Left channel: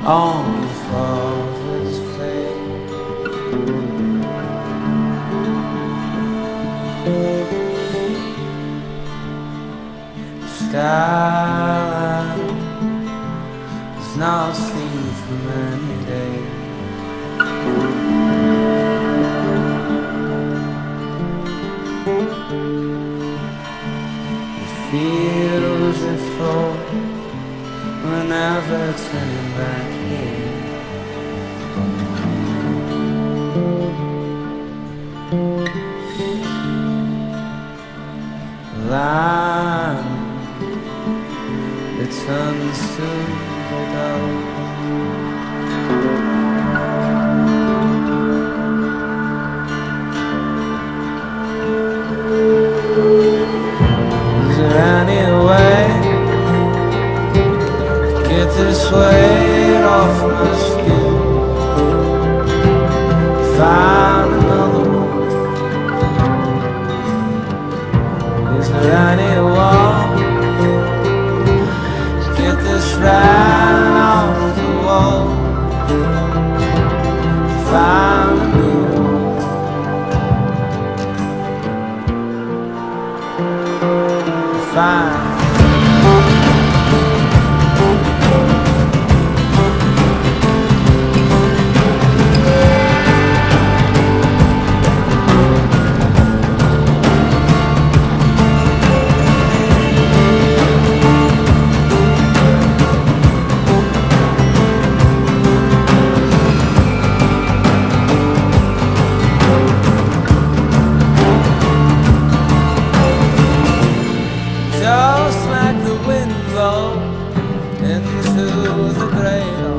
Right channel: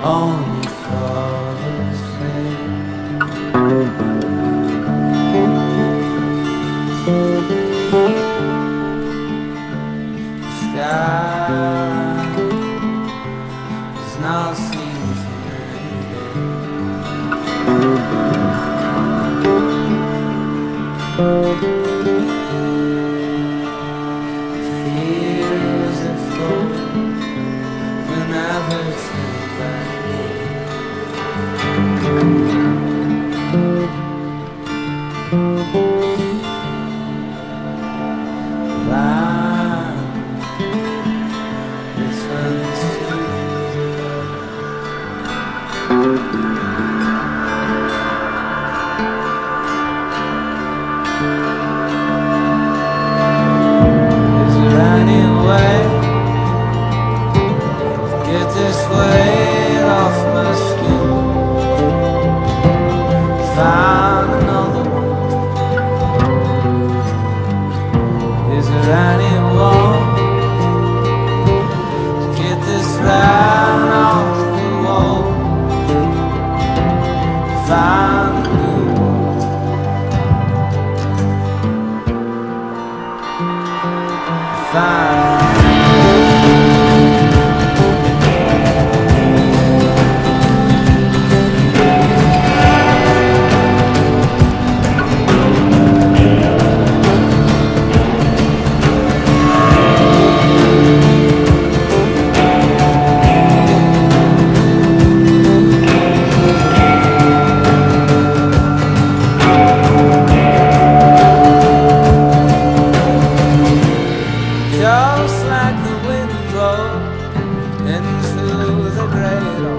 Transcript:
On Father's face, sky is not seen for many days. Feels it fall whenever turning back here. The line returns to the love. Is there any way to get this weight off my skin? Find another one. Is there anyone to get this right off the wall? Find a new one. Find just like the wind blows into the great